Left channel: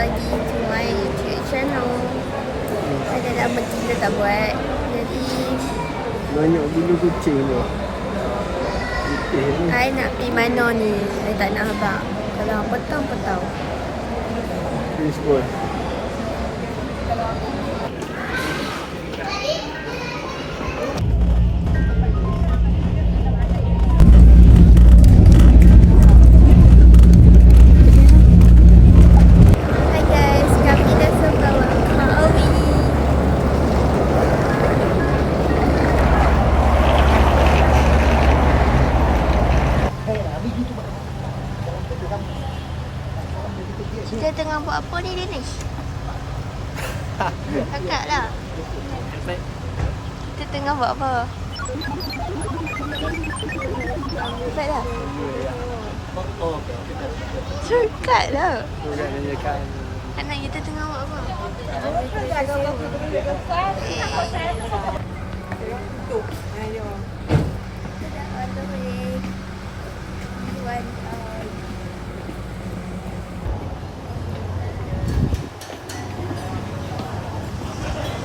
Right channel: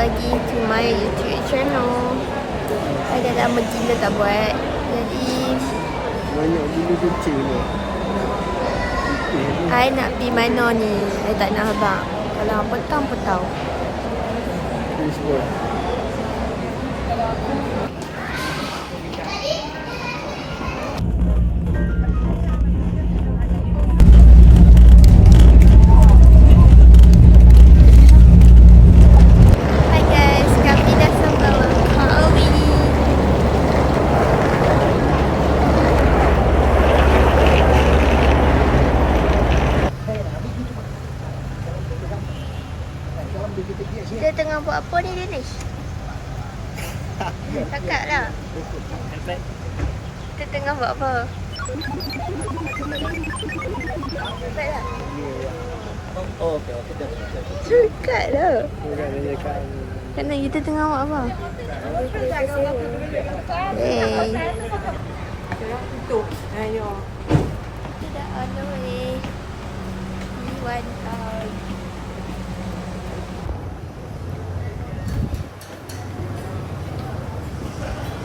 lagi to my YouTube channel. Saya dah lama gila tak buat. Jadi banyak gila kucing tu. I nak pergi mana ni? I tak nak abang. Kalau petang-petang. Facebook. Hai guys, kami dah sampai Langkawi. Kita tengah buat apa ni Danish? Cakap lah. Kita tengah buat apa? Cakap lah. Oh, okey. Cakap lah. Bukan dia cakap. Karena kita tengah buat apa? Ambil kereta sewa. Kita dah on the way. Iwan Town.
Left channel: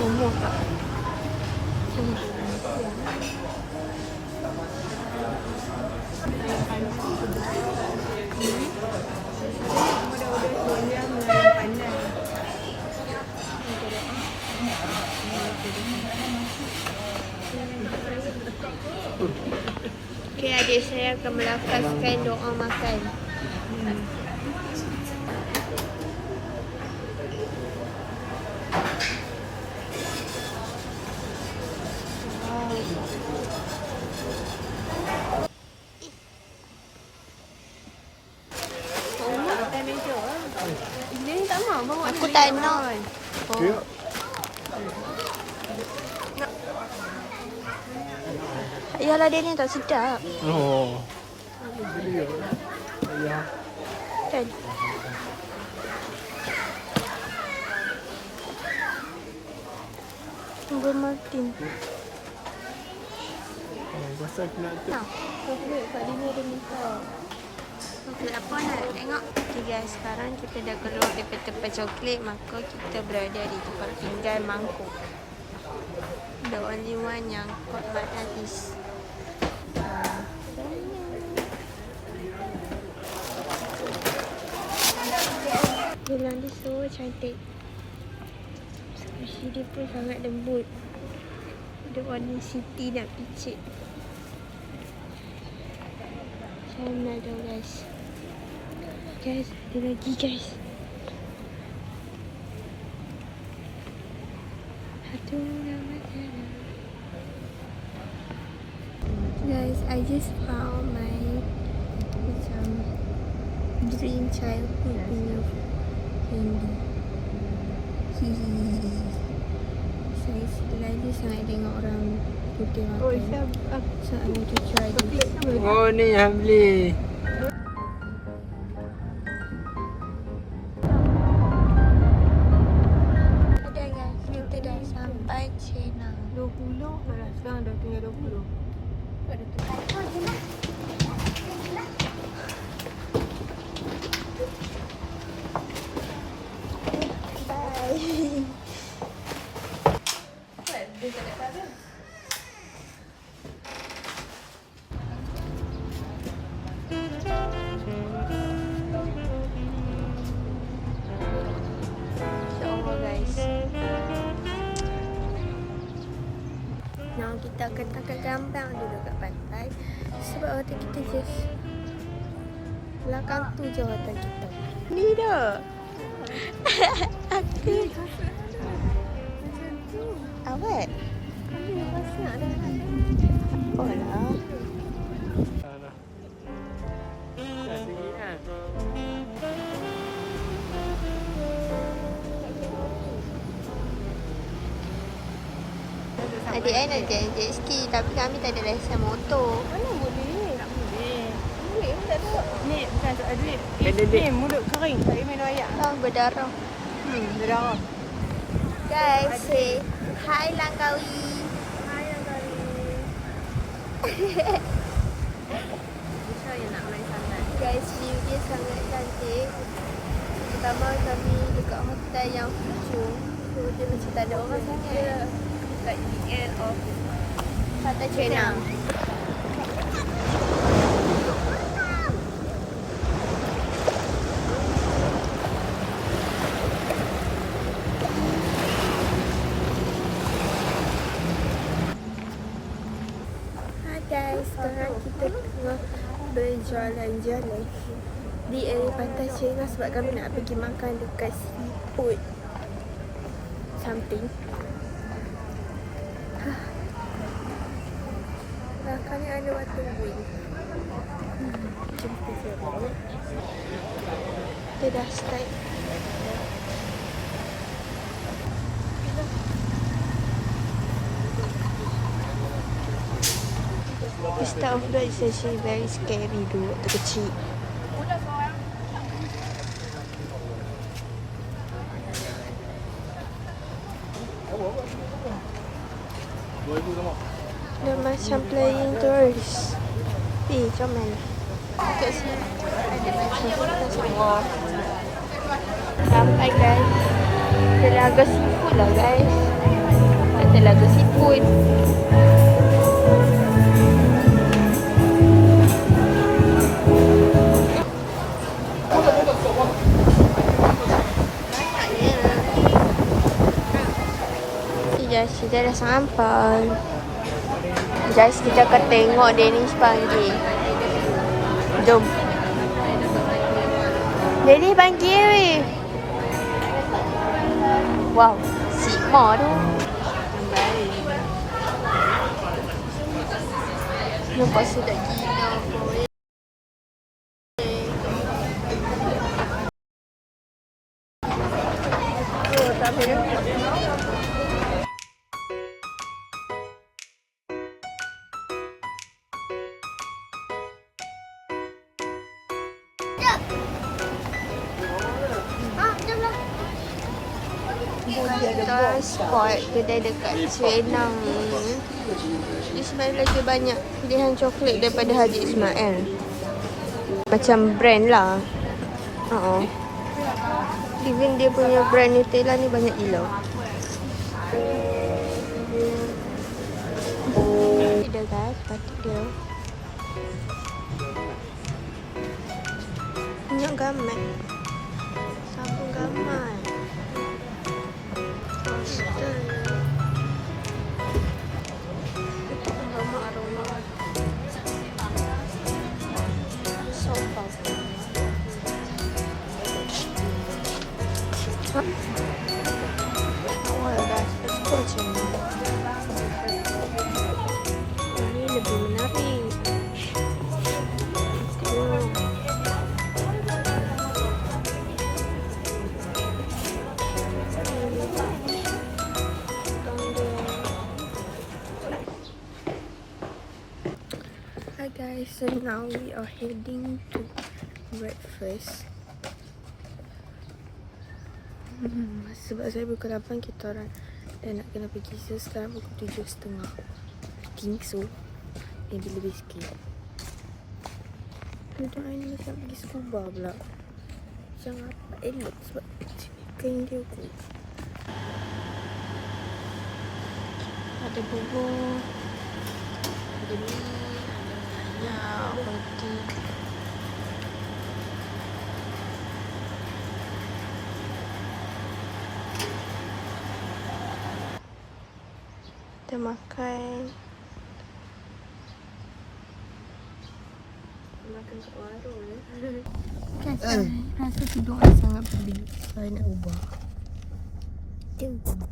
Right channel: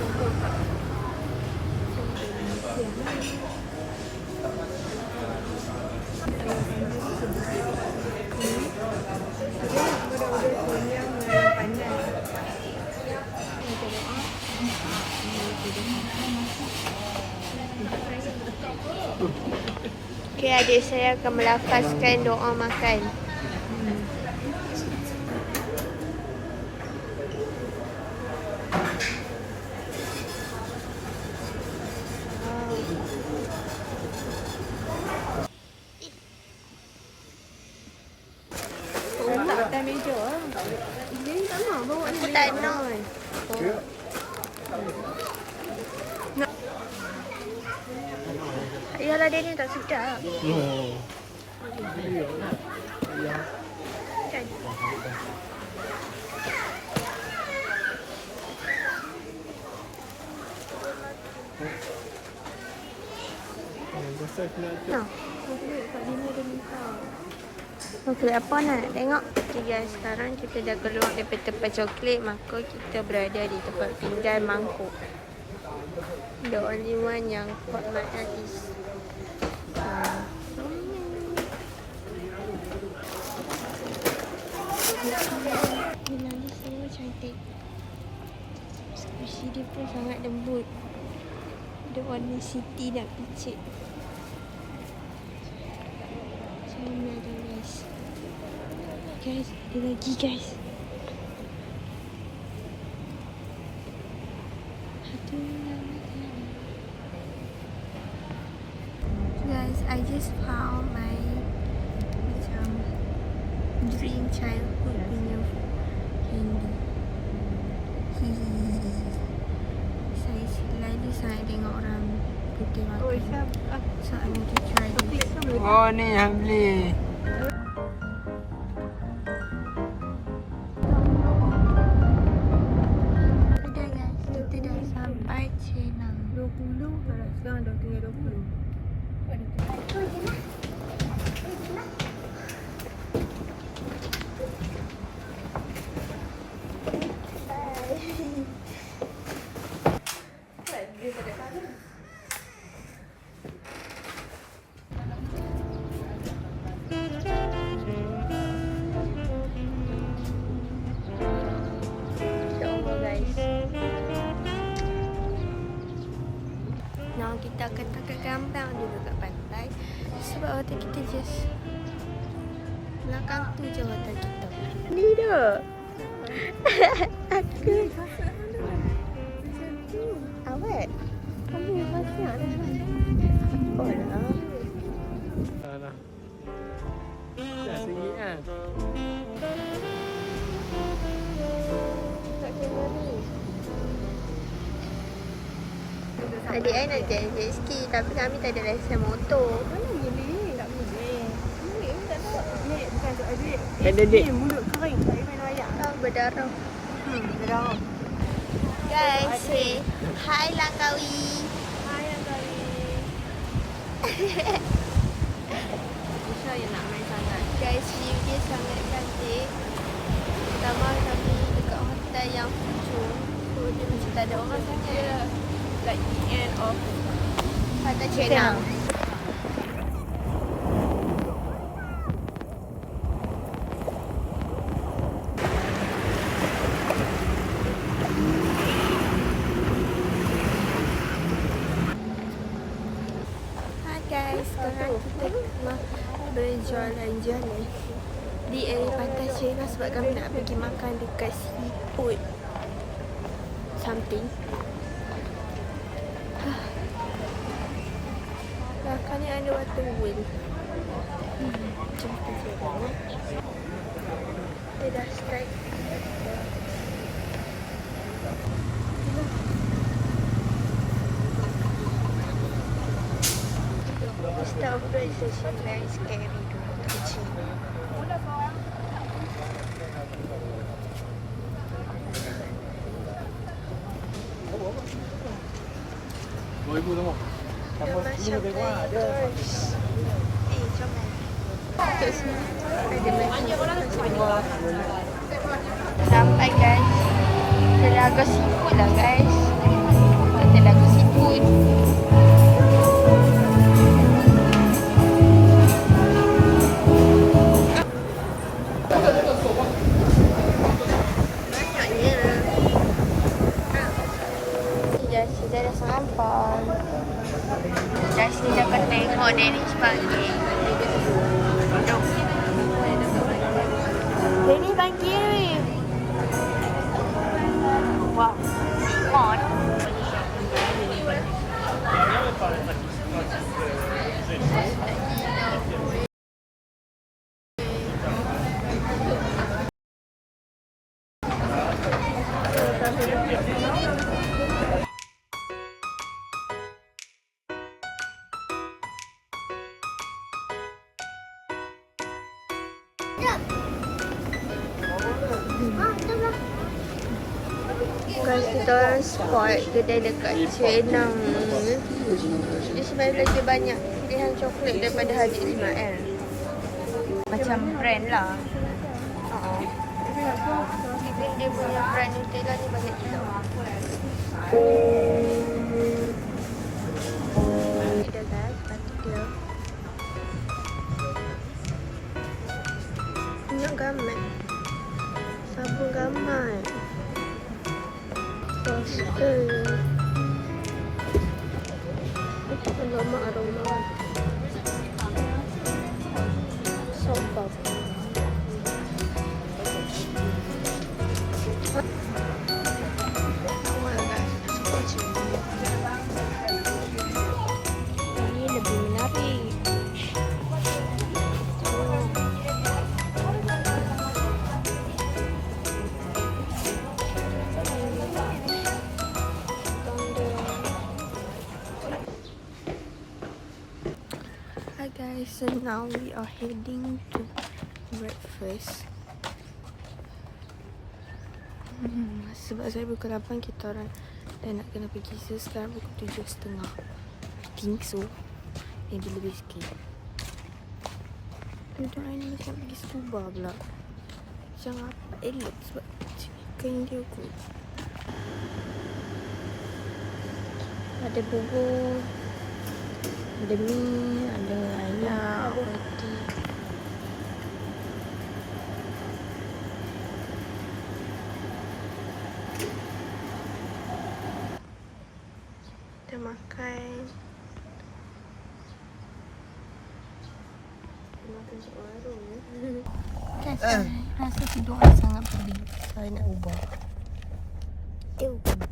Umur tak? Okay, adik saya akan melafazkan doa makan. Aku tak nak. Yalah dia ni tak sedap. Oh. Kan? Tunggu Martin. Pasal aku nak tu. Nah, coklat kat dini dia minta. Coklat apa nak tengok? Okay guys, sekarang kita dah keluar daripada tempat coklat. Maka kita berada di tempat pinggan mangkuk. The only one yang caught my eye is bilang dia so cantik. Squishy dia pun sangat lembut. Dia warna city nak picit. Macam mana dah guys. Guys, ada lagi guys. Satu nama jalan. Guys, I just found my macam dream childhood punya candy. Saya selalu saya tengok orang putih makan. So I want to try this. Oh ni yang beli. Ada guys, kita dah sampai Chenang. 20 kalau sekarang dah tinggal 20. Now kita akan tangkap gambar dulu kat pantai. Sebab hotel kita just belakang tu je hotel kita. Ni dah. Aku awet. Kamu pasal. Oh lah. Adik saya nak jet ski tapi kami tak ada lesen motor. Mana boleh ni? Tak boleh. Ni bukan tak ada duit. Tak ada duit. Ni mulut kering. Tak boleh main air. Ah, berdarah. Berdarah. Guys, say hi Langkawi. Hai Langkawi. Guys, view dia sangat cantik. Pertama kami dekat hotel yang future. So dia macam tak ada orang sangat. Like in and off. Pantai Cenang. Hai guys, sekarang kita tengah berjalan-jalan di area Pantai Cenang sebab kami nak pergi makan dekat seafood something. Belakang ni ada water wheel. Jom kita jalan. Kita dah start. The start of ride is actually very scary dulu waktu kecil. Dia macam playing tourist. Jom mana? Kat sini ada macam kita semua. Sampai guys. Ada lagu seafood lah guys. Ada lagu seafood. Banyaknya. Kita dah sampai. Just kita akan tengok Danish panggil. Jom. Danish panggil. Wow, si Mo tu. Nampak sedap gila. Bukan kita orang spot kedai dekat Cenang ni. Dia sebenarnya lagi banyak pilihan coklat daripada Haji Ismail. Macam brand lah. Even dia punya brand Nutella ni banyak gila. Ni dia guys, batik dia. Banyak gamat. Sabun gamat. Poster. Aroma. Sofa. Awal guys, let's go sini. Ini lebih menarik. Hi guys, so now we are heading to breakfast. Sebab saya pukul 8 kita orang dah nak kena pergi. So sekarang pukul 7.30. Think so. Maybe lebih sikit. Duduk ni macam nak pergi scuba pula. Macam apa elok sebab kain dia kot. Ada bubur. Ada ni, ada ayak, roti. Kita makan. Kita makan kat warung ya. Rasa tidur sangat pedih. Saya nak ubah. Kita ubah.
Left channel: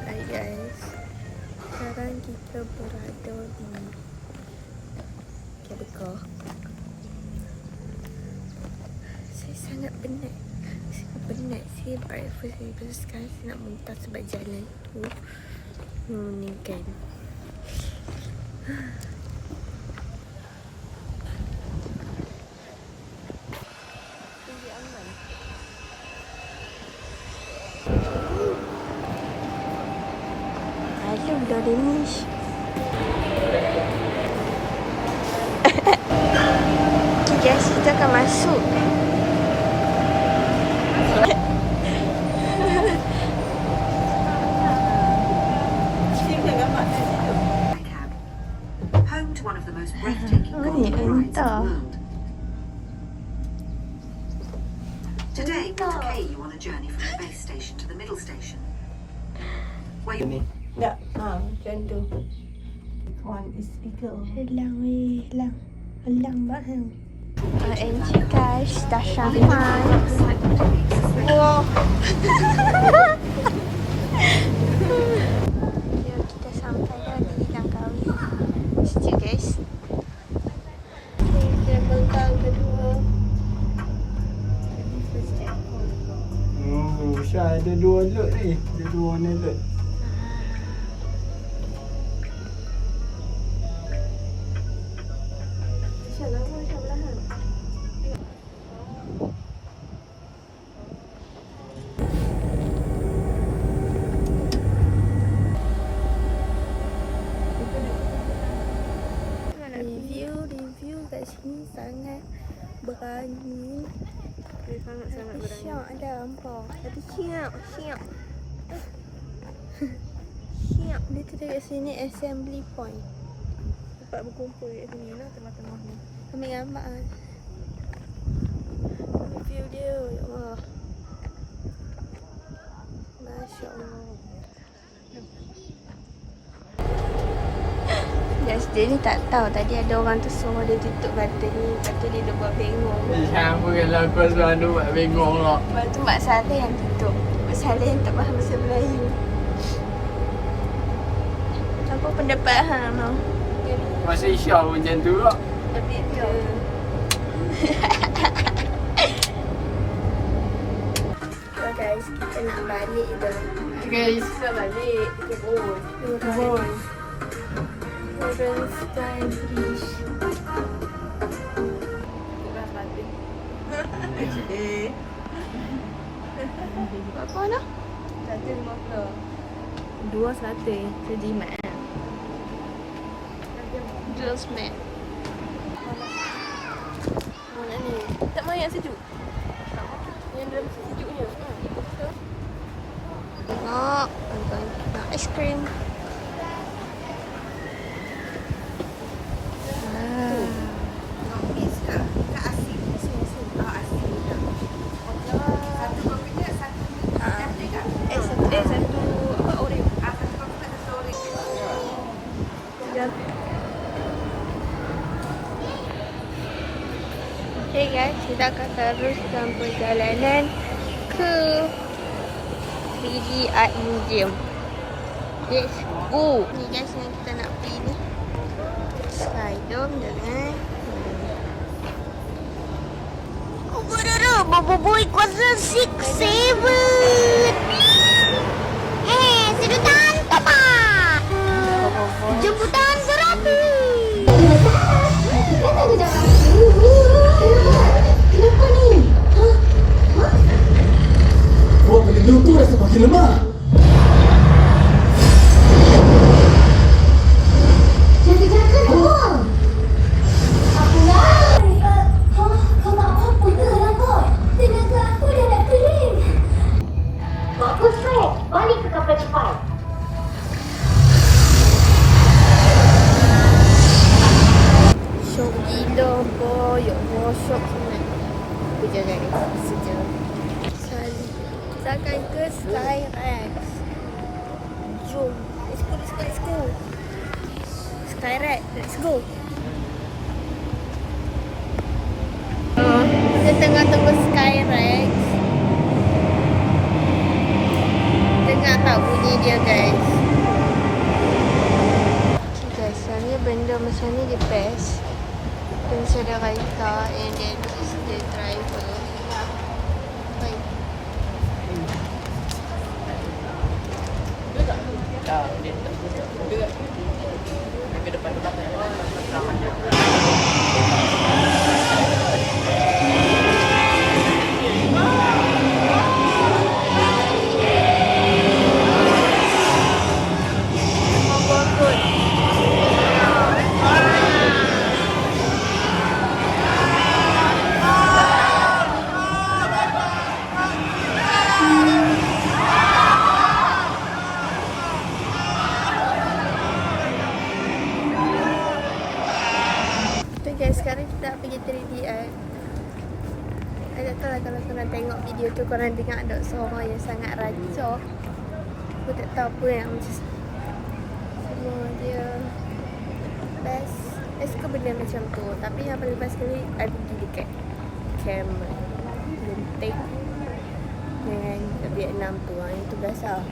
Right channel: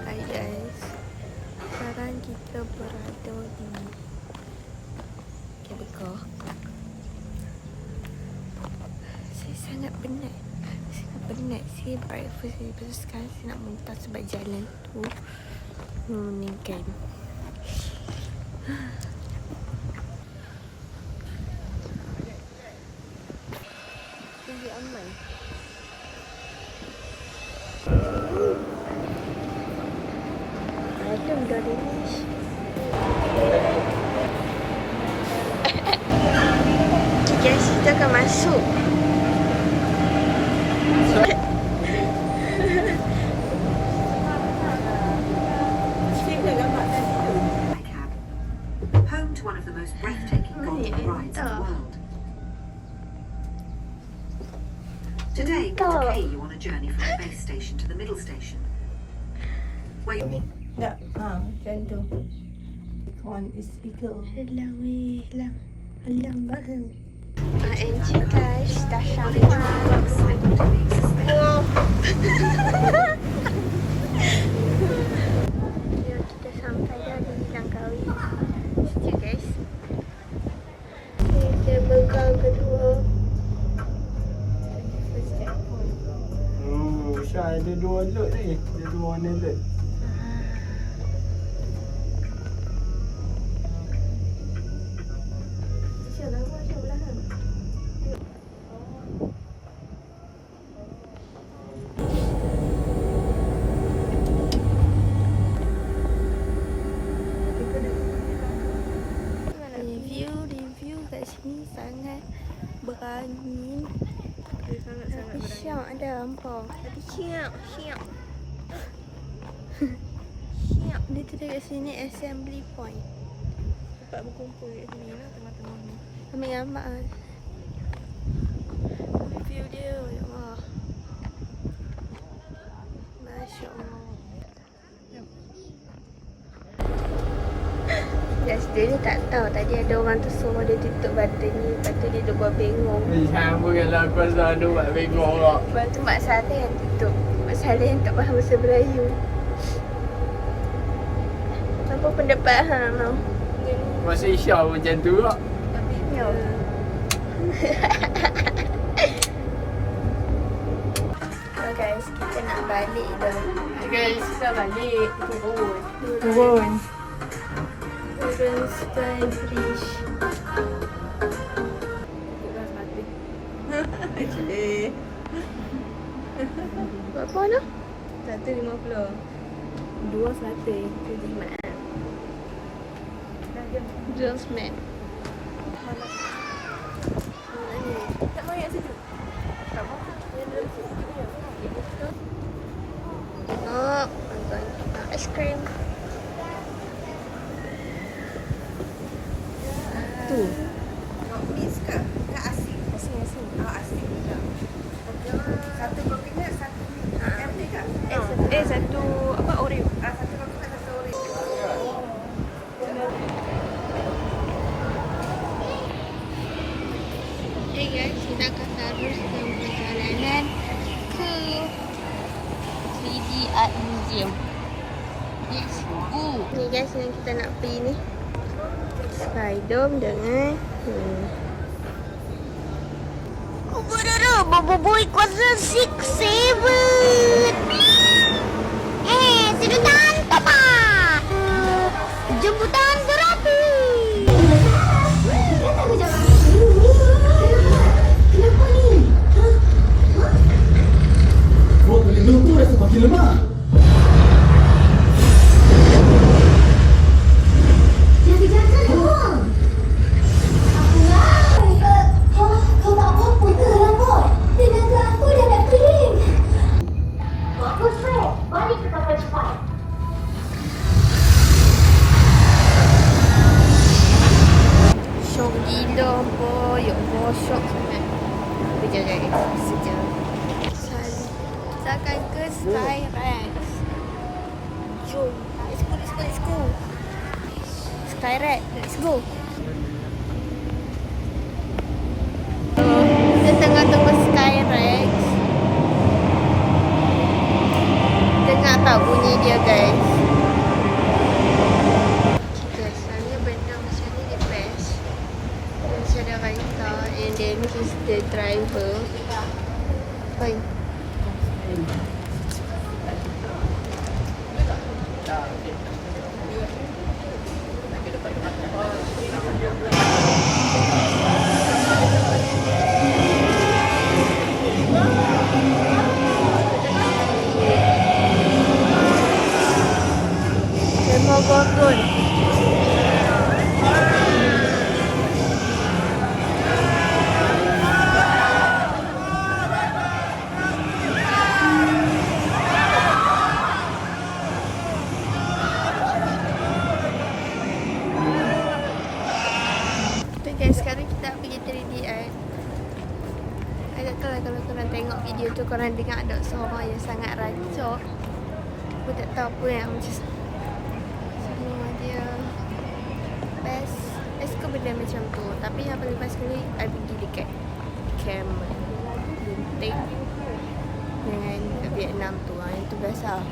Hai guys, sekarang kita berada di KBK. Saya sangat penat. Saya breakfast ni. Lepas sekarang saya nak muntah sebab jalan tu meningkan. Hello, Danish. Guys, kita akan masuk. Home to one of the most breathtaking golden rides in the world. Today, we'll take you on a journey from the base station to the middle station. Where you Tak, macam tu. Kawan speaker. Helang weh, helang. Helang banget. NG guys, dah sampai. Wow. Ya, kita sampai dah di Langkawi. Sekejap guys. Okay, kabel kau kedua. Syah ada 2 lot ni. Ada 2 warna lot. Review kat sini sangat berani. Sangat-sangat Tapi berani. Syok ada apa? Tapi Syok. Syok. Dia tu dekat sini assembly point. Tempat berkumpul kat sini lah, tengah-tengah ni. Ambil gambar kan. Ambil view dia. Ya Allah. Masya Allah. Guys, dia ni tak tahu tadi ada orang tu suruh dia tutup button ni. Lepas tu dia dah buat bengong. Syah bukanlah pasal tu buat bengong lah. Lepas tu Mak Saleh yang tutup. Mak Saleh yang tak faham bahasa Melayu. Apa pendapat hang mau? Masa Syah pun macam tu lah. Ya. So guys, kita nak balik dah. Guys, nak balik. Turun. Turun Sky Bridge. Ikutlah sepatutnya. Berapa nak? 150. 2 sate. Sejimat. Girls mat. Tak mahu yang sejuk. Yang dalam sejuk je. Tengok. Nak es krim. Okay guys, kita akan teruskan perjalanan ke 3D Art Museum. Let's go. Ni guys yang kita nak pergi ni. Sky Dome dengan Boboiboy kuasa 6-7. Sudah tanpa pak. Jemputan berapi. Kenapa ni? Buat benda tu rasa makin lemah. Jangan kau. Aku lah. Kau nak apa-apa ke lapor? Dengan ke aku dah nak kering. Bagus saya. Balik ke kapal cepat. Syok gila apa. Ya Allah, syok sangat. Sekejap guys. Sekejap. Kita akan ke Skyrex. Jom. Let's go. Skyrex. Let's go. Kita tengah tunggu Skyrex. Dengar tak bunyi dia guys? Okay guys, sebenarnya benda macam ni dia press. Dia macam ada raita and then this is the driver. bau kotor. Okay guys, sekarang kita nak pergi 3D art. I tak tahu lah kalau korang tengok video tu korang dengar ada suara yang sangat rancak. Aku tak tahu apa yang macam semua dia best. I suka benda macam tu. Tapi yang paling best sekali I pergi dekat camera Genting dengan kat Vietnam tu. Yang tu best lah.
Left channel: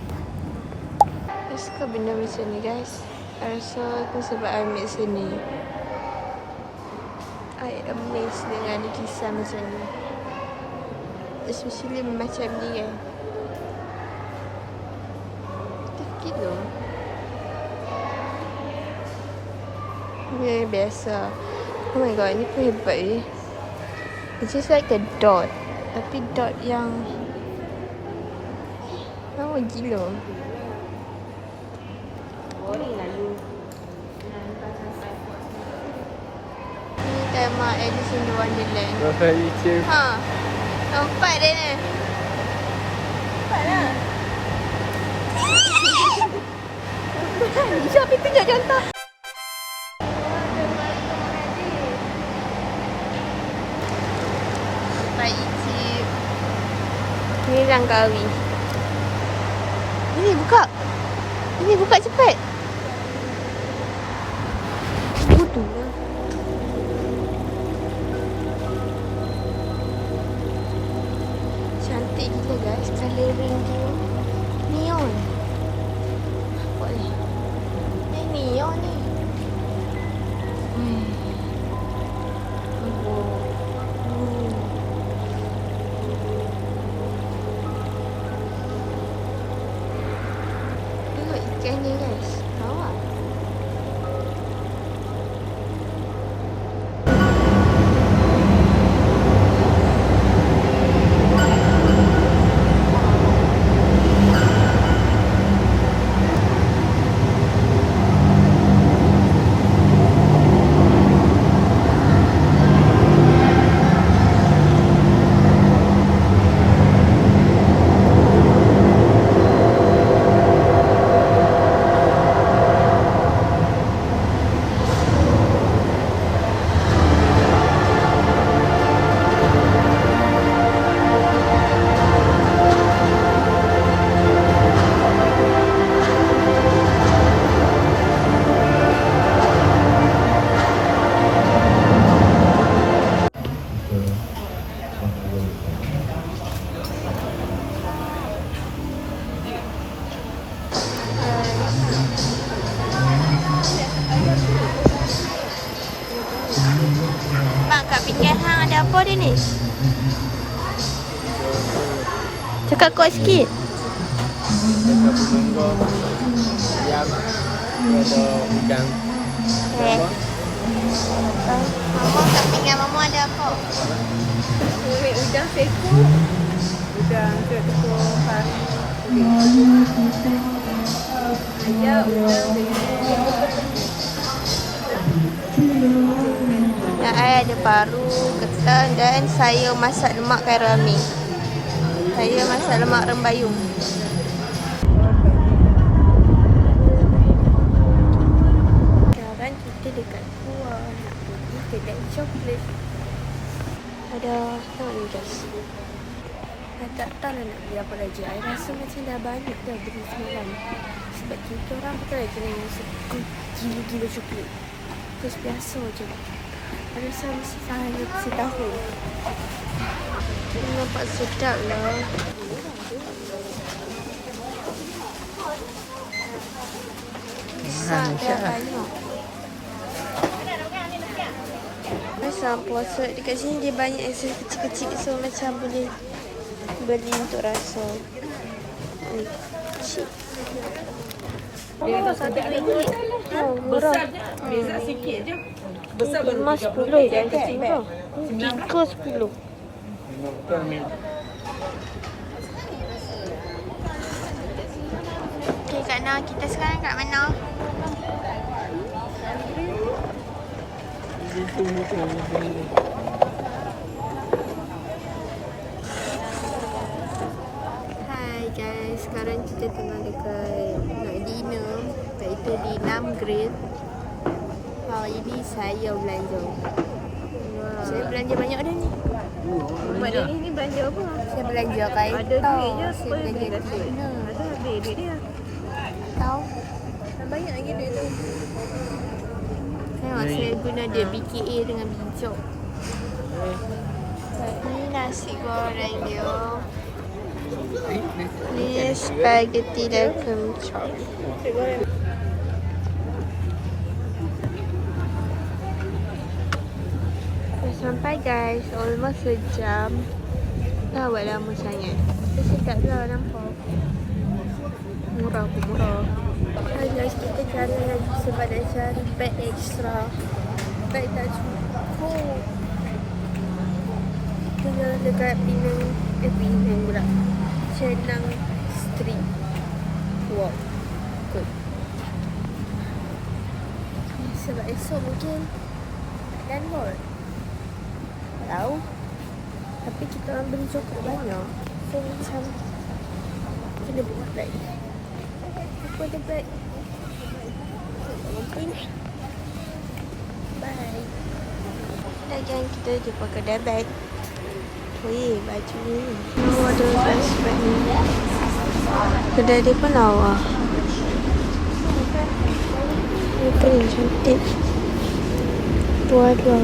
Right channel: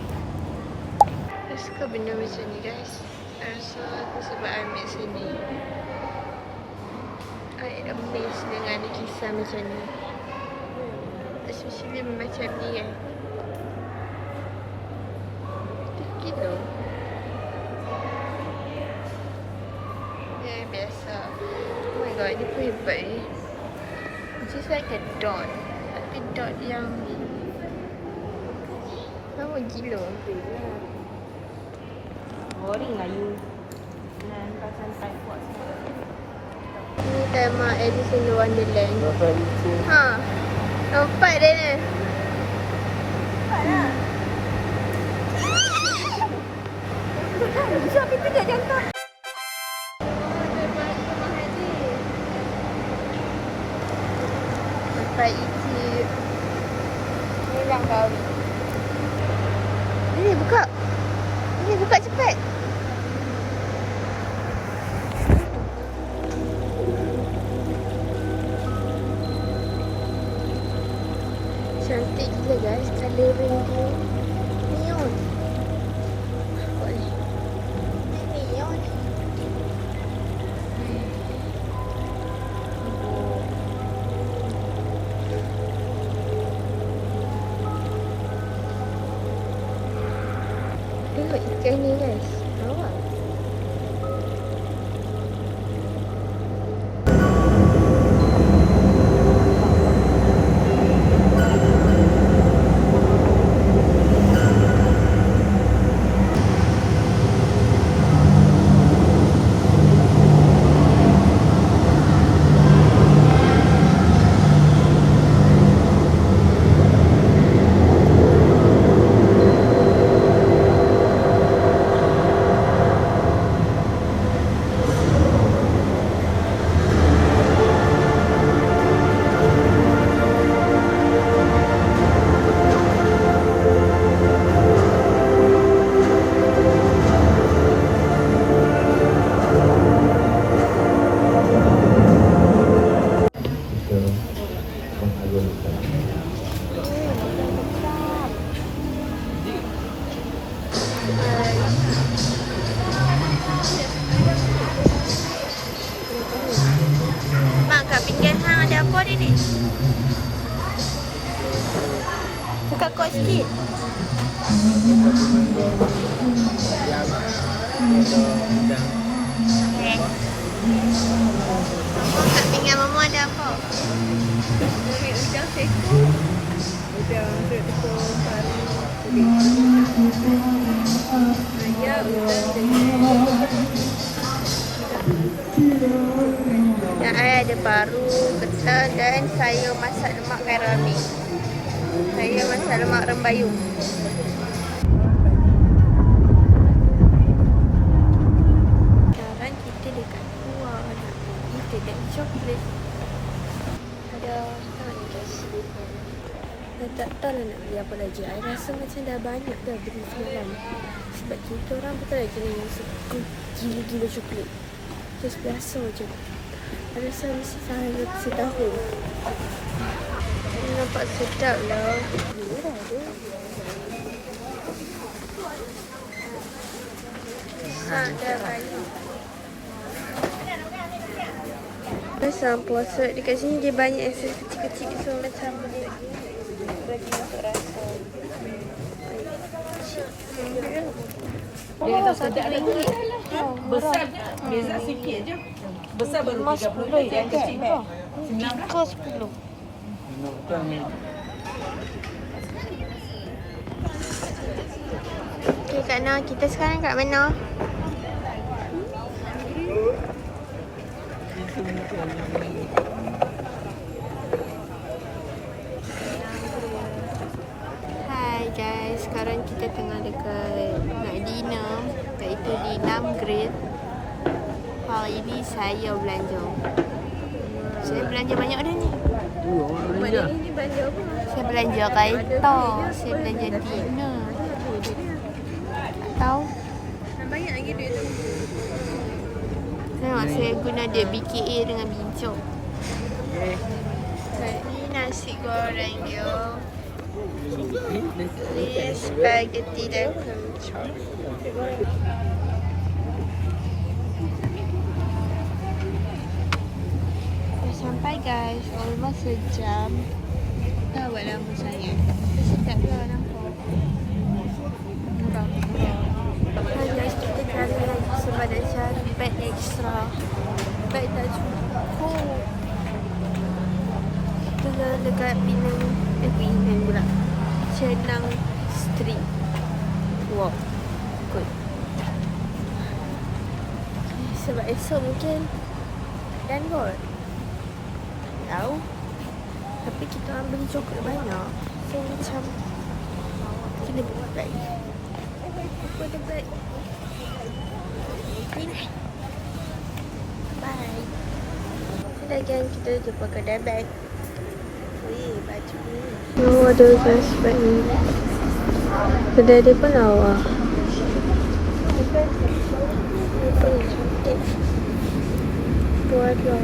I suka benda macam ni guys. I rasa tu sebab I ambil sini. I amazed dengan lukisan macam ni. Especially macam ni kan. Kilo. Ni biasa. Oh my god, ni pun hebat ni. It's just like a dot. Tapi dot yang lama gila. Ni tema Alice in Wonderland. Ha. Nampak dia ni. Jom kita tunjuk contoh. Nampak Icip. Ni Langkawi. Ini buka. Ini buka cepat. Butuh. Cantik gila guys, colouring dia neon. Nampak ni. Ni neon ni. Tengok ikan ni guys. Awak. Bang, kat pinggir hang ada apa dia ni? Cakap kuat sikit. Okay. Mama, kat pinggir mama ada apa? Udang seko. Udang jeruk tepung kari kulit. Ayam udang dengan Yang I ada paru, ketan dan saya masak lemak kairami. Saya masak lemak rembayung. Sekarang kita dekat luar nak pergi kedai coklat. Ada sorry guys. I tak tahu lah nak beli apa lagi. I rasa macam dah banyak dah beli semalam. Sebab kita orang betul lagi yang suka gila-gila coklat. Terus biasa je. I rasa mesti sehari setahun. Nampak sedap lah. Murah tu. Besar dah banyak. Pasal puasa dekat sini dia banyak akses kecil-kecil. So macam boleh beli untuk rasa. Oh, RM1. Murah. beza sikit je. Besar baru 10 kan? 10. Okay Kak Nah, kita sekarang kat mana? Itu muka. Hai guys, sekarang kita tengah dekat nak dinner, iaitu di Namgrid. Hari ini saya belanja. Saya belanja banyak dah ni. Mak dia ni belanja apa? Saya belanja kereta, saya belanja dinner. Duit dia. Tahu? Nak banyak lagi duit tu. Tengok saya guna dia BKA dengan bincuk. Ni nasi goreng dia. Ni spaghetti dan kencok. Dah sampai guys, almost sejam. Dah buat lama sangat. Tapi sedap lah nampak. Murah pun murah. Hai guys, kita jalan lagi sebab nak cari beg extra. Beg tak cukup. Kita jalan dekat Penang pula. Chenang Street. Wow, good. Sebab esok mungkin dan kot. Tahu. Tapi kita orang beli coklat banyak. So macam kena buat beg. Buat beg. Bye. Dah gang, kita jumpa kedai beg. Weh, baju ni. Oh, ada guys beg ni. Kedai dia pun lawa. Dia pun cantik. Dua-dua.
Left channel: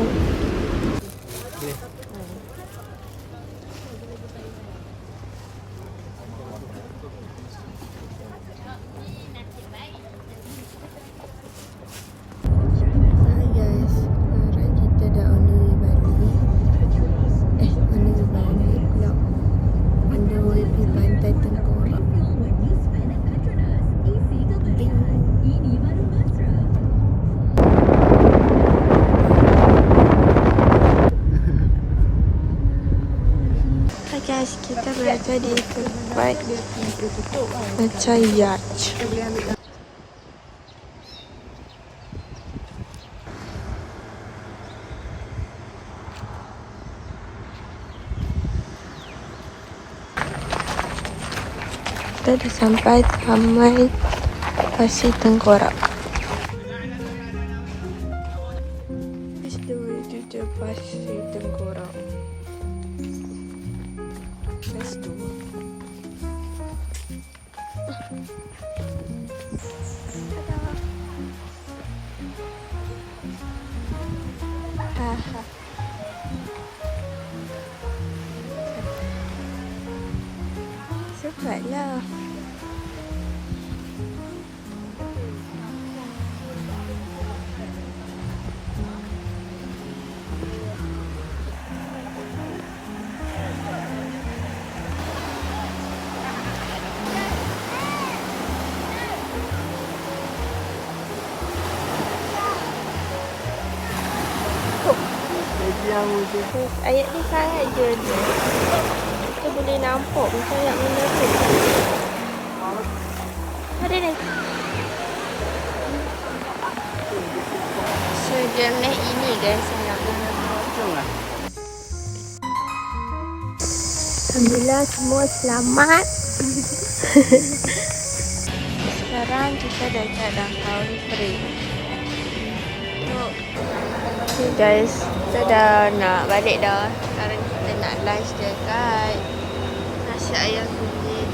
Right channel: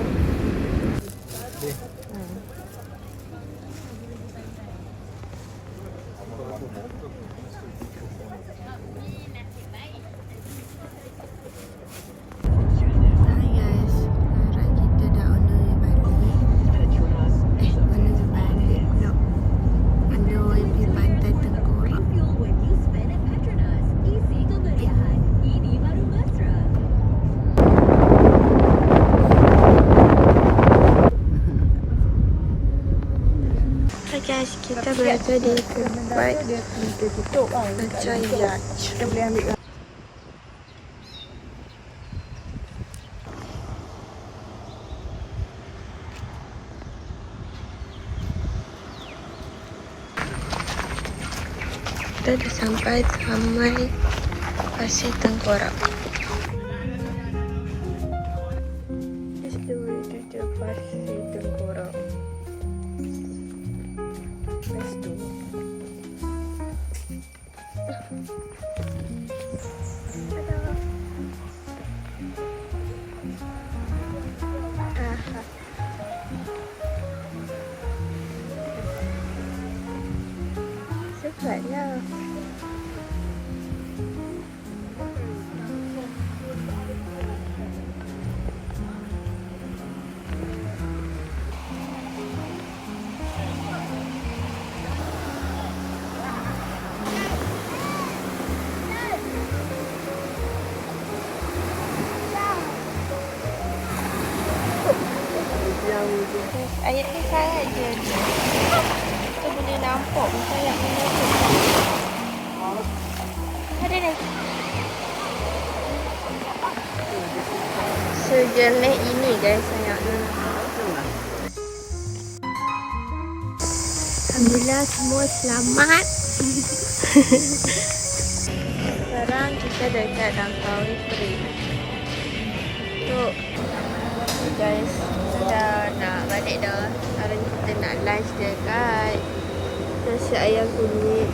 Guys, kita berada di tempat macam yacht. Kita dah sampai Taman Pasir Tengkorak. Itu dia Pasir Tengkorak. Let's do it. Cepatlah. Ayat ni sangat je. Kita boleh nampak macam ayat mana tu. Ada ni. Sejenis ini guys ayatnya. Alhamdulillah semua selamat. Sekarang kita dekat Langkawi Street. So guys, kita dah nak balik dah. Sekarang kita nak lunch dekat nasi ayam kunyit.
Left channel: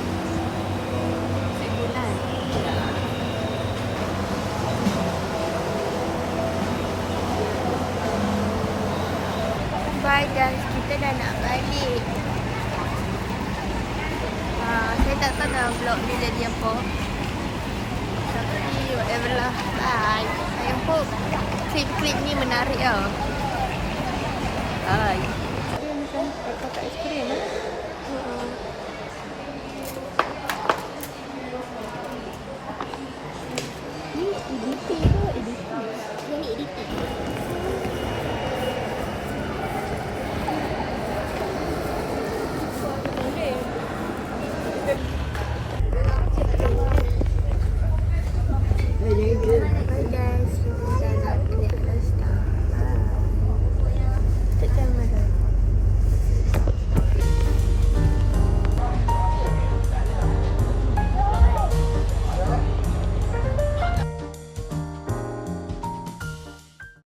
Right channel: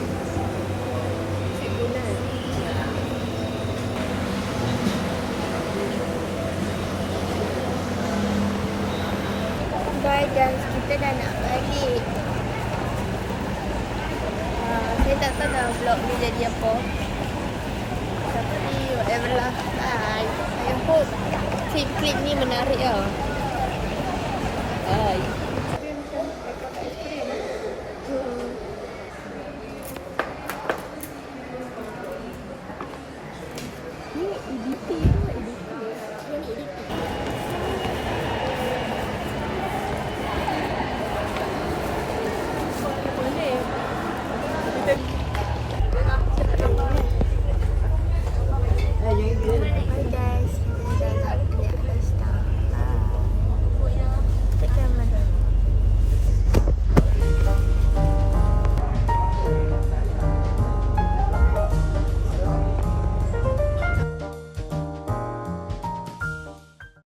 Bye guys, kita dah nak balik. Saya tak tahu dah vlog ni jadi apa. Tapi whatever lah. Bye. I hope klip-klip ni menarik tau. Bye. Ni EDP ke? EDP. Yang EDP.